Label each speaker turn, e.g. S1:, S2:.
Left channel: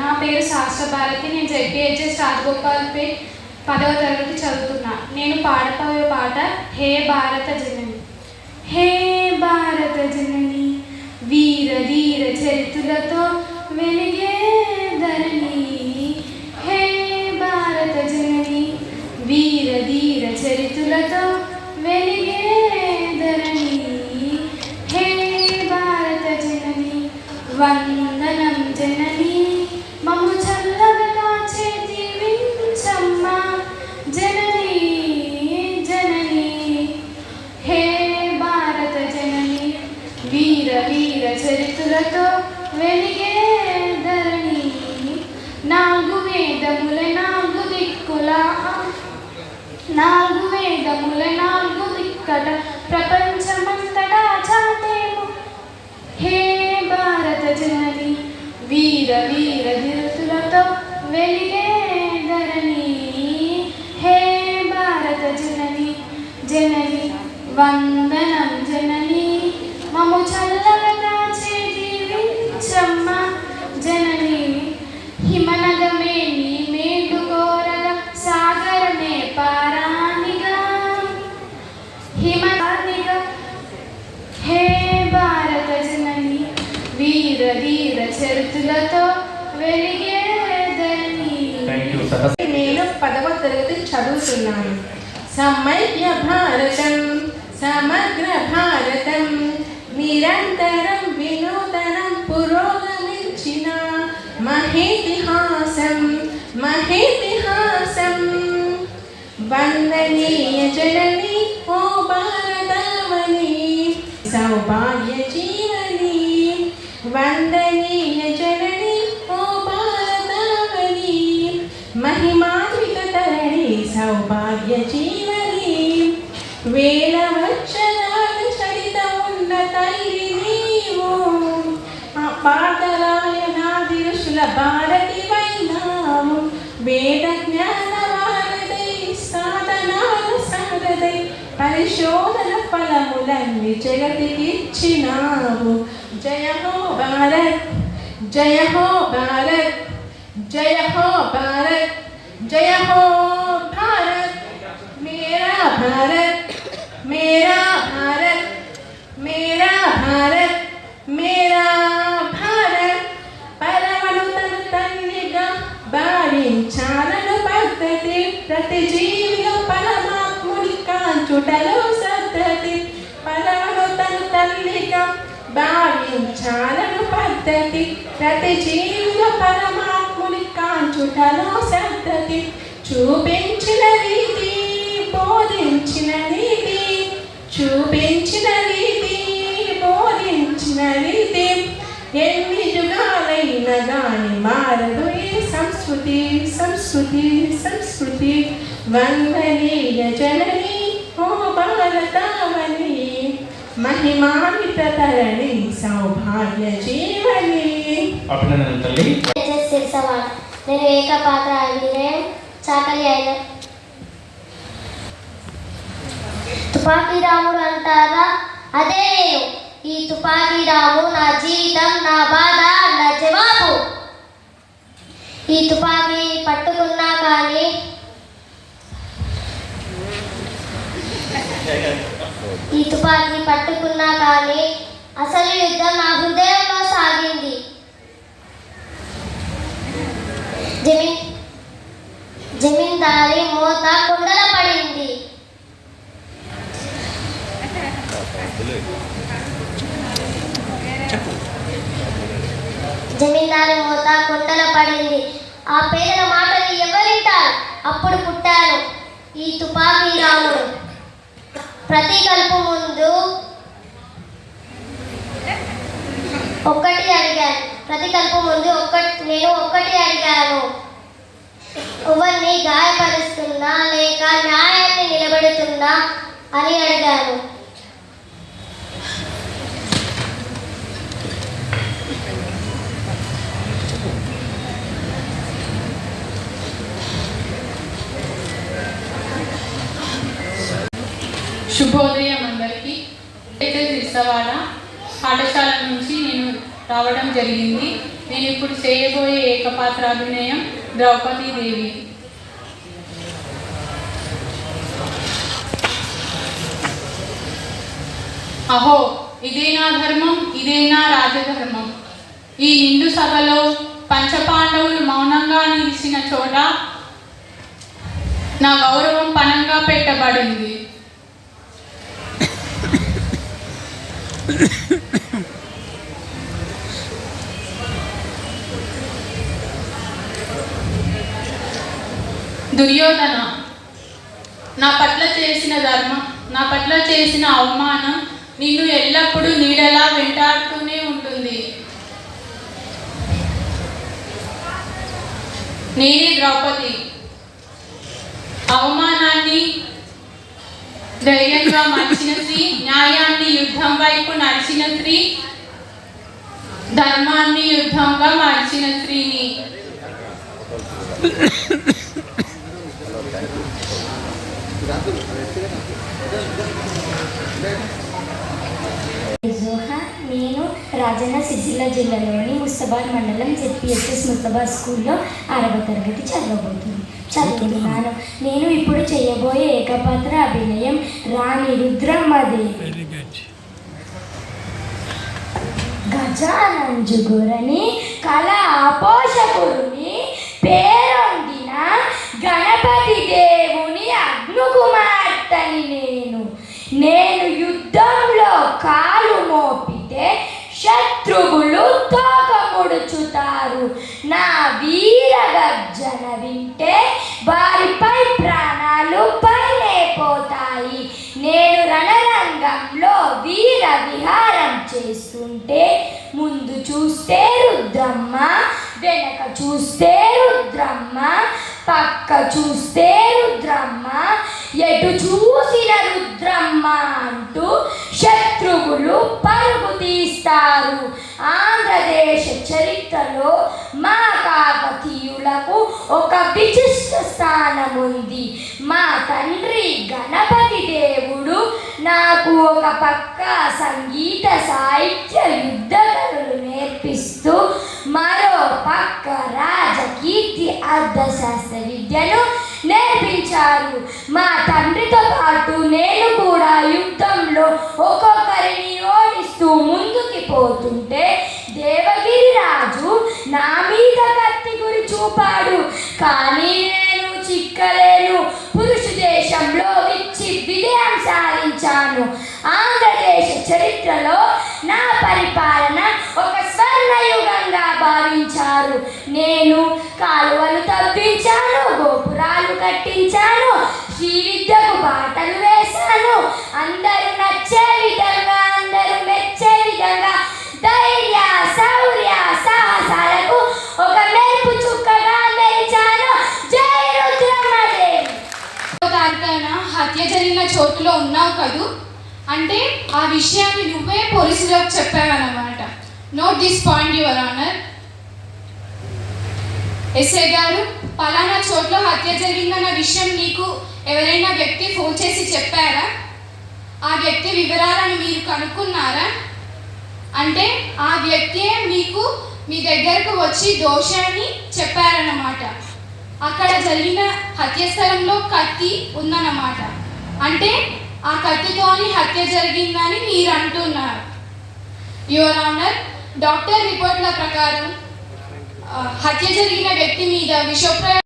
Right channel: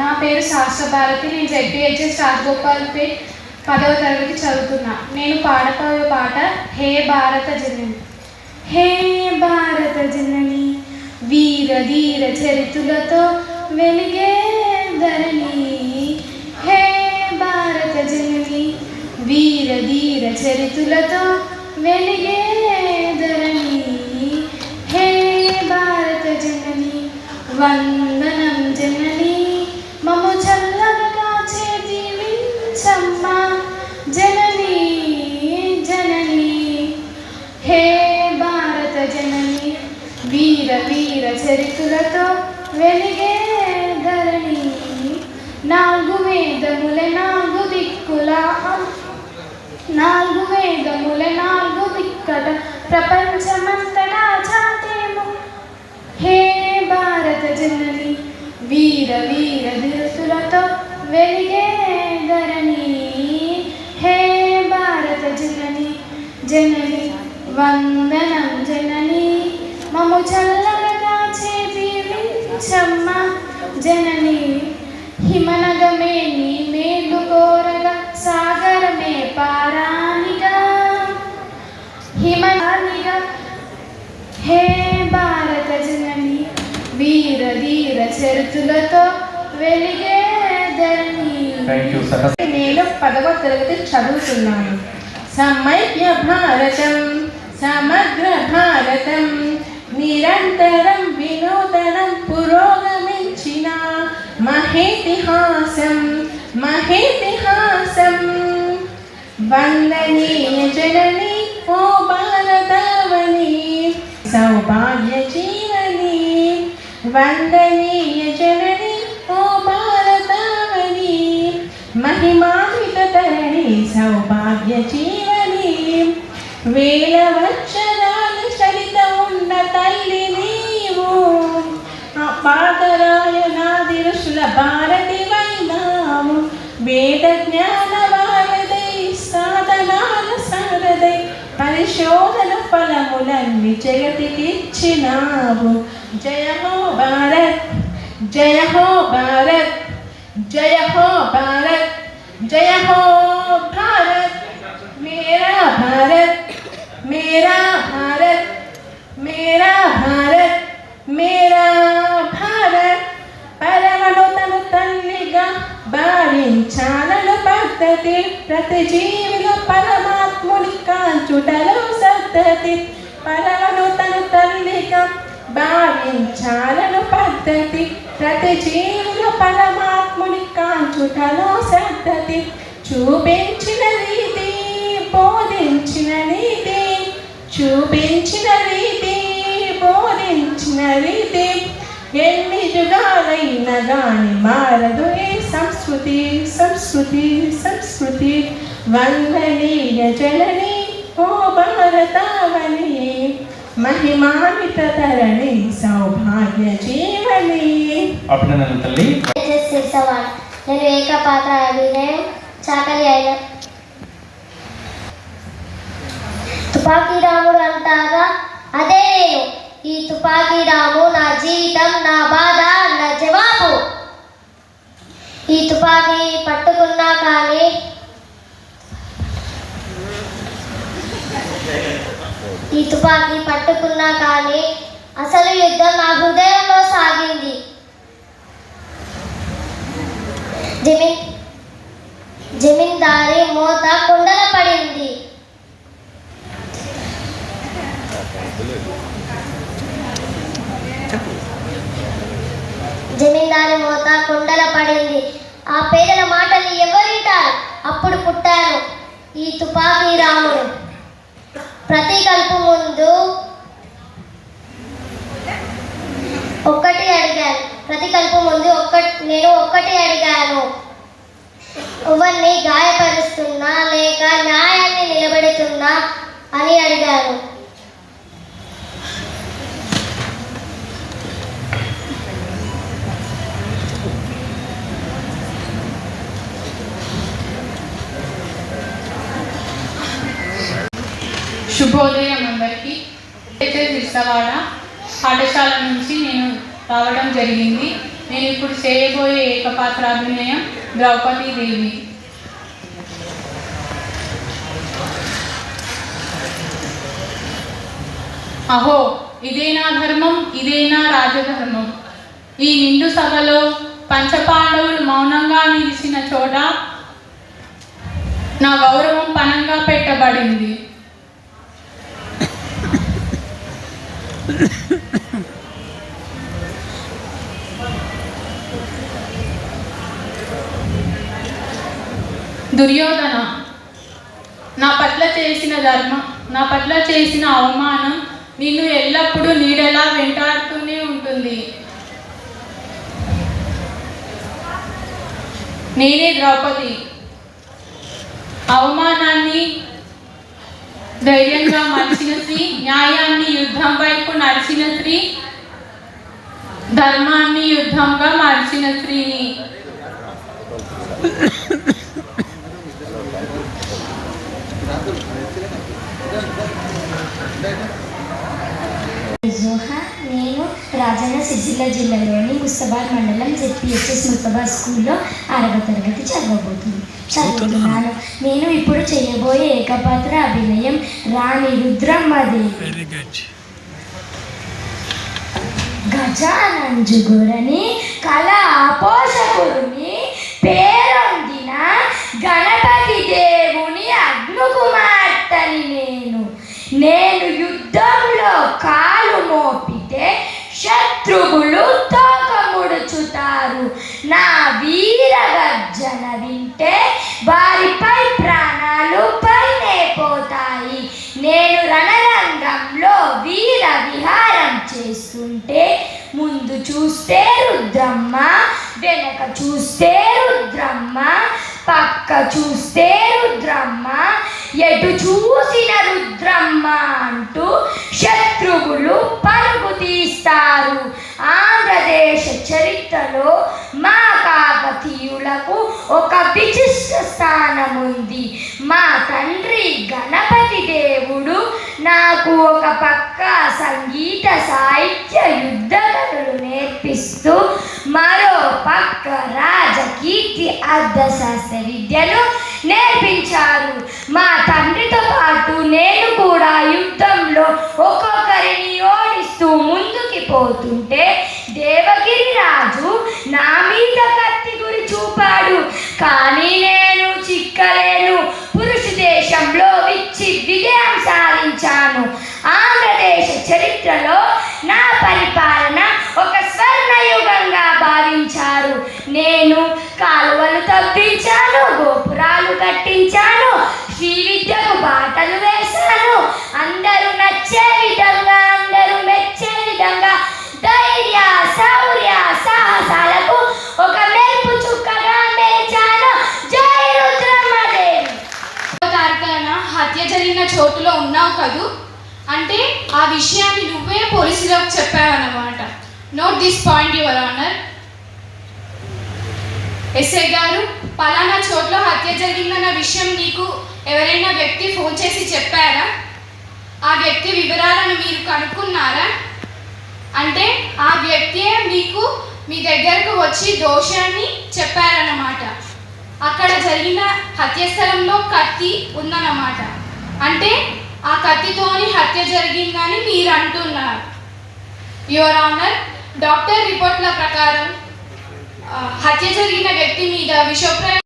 S1: నా పేరు శాస్త్ర భారతి. నేను జెడ్పిహెచ్ఎస్ రాజగోపాల్పేట్ పదవ తరగతి చదువుతున్నా. నేను పాడపోయే పాట హే భారత జనని. హే భారత జనని వీర ధీర చరితులతో వెలిగే ధరణి. ప్రపంచమంతటా చాటేము హే భారత జనని వీర వీర దిరుసులతో వెలిగే ధరణి. హే భారత జనని జనని వంద హే భారత జనని వీర ధీర చరితులతో వెలిగే ధరణి.
S2: థ్యాంక్ యూ సహస్
S3: నేను పదవ తరగతి చదువుతున్నాను. సమైక్య భారతం సమగ్ర భారతం నిరంతరం వినూతనం పురోగమించిన మహేతిహాసం మహేతిహాసం. వందనీయ జనని వందనీయ జనని ఓ భారతావని మహిమాన్విత తరణి సౌభాగ్య జీవని వేల వచ్చరాల చరిత ఉన్న తల్లి నీవు ఆ పాతరాయనాది ఋషుల భారతి వైనాము వేద జ్ఞాన వారదై సాధనాల సారదై పరిశోధన ఫలములన్నీ జగతికిచ్చినావు జయ హో భారత్ జయ హో భారత్ జయ హో భారత్ జయ హో భారత్ मेरा भारत मेरा भारत मेरा भारत मेरा భారత్ పరమను తన తల్లిగా భావించాలను పద్ధతి ప్రతి జీవిలో పరమాత్ముని కాంచుటలో భావించాలను పద్ధతి ప్రతి జీవుల పరమాత్ముని కాంచుటలో సద్ధతి చూపించిన రీతి బోధించిన రీతి చూపించిన రీతి బోధించిన రీతి ఎన్ని యుగాలైన గాని మారదు ఏ సంస్కృతి సంస్కృతి సంస్కృతి. వందనీయ జనని ఓ భారతావని మహిమామిత తరణి సౌభాగ్య జీవని
S2: అభినందన తల్లి
S4: సిరిసవాడ నేను ఏకపాత్ర అభినయం చాకలి అయిన తుపాకీ రాముడు అంటారా అదే నేను ఈ తుపాకీ రాము నా జీవితం నా బాధ నా జవాబు. ఈ తుపాకీ పట్టుకున్నా కానీ ఈ తుపాకీ పట్టుకున్నా కానీ అసలు యుద్ధం నా హృదయంలో సాగింది. జమీన్ జమీందారి మోత కుండల పడింది. జమీందారి మోత కుండల పడింది. ఆ పేదల మాటలు ఎవరింటారు అప్పుడు పుట్టాను ఈ తుపాకీ రాముడు. ప్రతి కలుపు ముందు ఒక్కటి అడిగాను ప్రతి కలుపు ముందు ఒక్కటి నేను ఒక్కటి అడిగాను ఎవరిని గాయపరుస్తున్నా లేక న్యాయాన్ని నిలబెడుతున్నా అని అడిగాను
S5: శుభోదయం అందరికీ. అయితే విసవాడ పాఠశాల నుంచి నేను రావడం జరిగింది. నేను ఇప్పుడు చేయబోయే ఏకపాత్ర అభినయం ద్రౌపదీదేవి అహో ఇదేనా ధర్మం ఇదే నా రాజధర్మం? ఈ నిండు సభలో పంచపాండవులు మౌనంగా నిలిచిన చోట నా గౌరవం పనంగా పెట్టబడింది. దుర్యోధన నా పట్ల చేసిన ధర్మం నా పట్ల చేసిన అవమానం నిన్ను ఎల్లప్పుడూ నీడలా వెంటాడుతూనే ఉంటుంది. నేనే ద్రౌపది. అవమానాన్ని ధైర్యంగా మలిచిన స్త్రీ న్యాయాన్ని యుద్ధం వైపు నడిచిన స్త్రీ ధర్మాన్ని యుద్ధంగా మార్చిన స్త్రీని.
S6: జిల్లాలోని ముస్తాబాద్ మండలం జెడ్పిహెచ్ఎస్ ముస్తాబాద్ స్కూల్లో ఆరవ తరగతి చదవబోతుంది. చదువుతున్నాను. నేను ఇప్పుడు చేయబోయే ఏకపాత్ర అభినయం రాణి రుద్రమ్మదేవి గజానంజుగురని కళ పోషకుడిని చూస్తుంటే ముందు చూస్తే రుద్రమ్మ వెనక చూస్తే రుద్రమ్మ పక్క చూస్తే రుద్రమ్మ ఎటు చూసిన రుద్రమ్మ అంటూ శత్రువులు పరుగు తీస్తారు. ఆంధ్రదేశ చరిత్రలో మా కాకతీయులకు ఒక విశిష్ట స్థానం ఉంది మా తండ్రి గణపతి దేవుడు నాకు ఒక పక్క సంగీత సాహిత్య యుద్ధకరులు నేర్పిస్తూ మరో పక్క రాజకీర్తి అర్థశాస్త్ర విద్యను నేర్పించారు. మా తండ్రితో పాటు నేను కూడా యుద్ధంలో ఒక్కొక్కరిని ఓడిస్తూ ముందుకి పోతుంటే దేవగిరి రాజు నా చరిత్రలో నా పరిపాలన ఒక స్వర్ణయుగంగా భావించారు. నేను కాలువలు తప్పించాను గోపురాలు కట్టించాను శ్రీ విద్యకు బాటలు వేశాను. అందరూ నచ్చే విధంగా అందరూ మెచ్చే విధంగా ధైర్య శౌర్య సాహసాలకు ఒక మెరుపు చుక్కగా మెరిచాను జై రుద్రమదేవి.
S1: తారీఖున హత్య జరిగిన చోటులో ఉన్నావు కదూ? అంటే ఆ విషయాన్ని నువ్వే పోలీసులకు చెప్పావన్నమాట. Note this point your honour SI గారు పలానా చోట్ల హత్య జరిగిందన్న విషయం నీకు ఎవరైనా వ్యక్తి ఫోన్ చేసి చెప్పారా? ఆ వ్యక్తి వివరాలను మీరు కనుక్కున్నారా? అంటే ఆ వ్యక్తియే మీకు మీ దగ్గరకు వచ్చి దోషాన్ని చెప్పారన్నమాట. అక్కడ జరిగిన హత్య స్థలంలో కత్తి ఉందన్నమాట. అంటే ఆ కత్తితోని హత్య జరిగిందని మీరు అంటున్నారు యువర్ ఆనర్ డాక్టర్ రిపోర్ట్ల ప్రకారం హత్య జరిగిన వ్యక్తి మీద విషప్రయ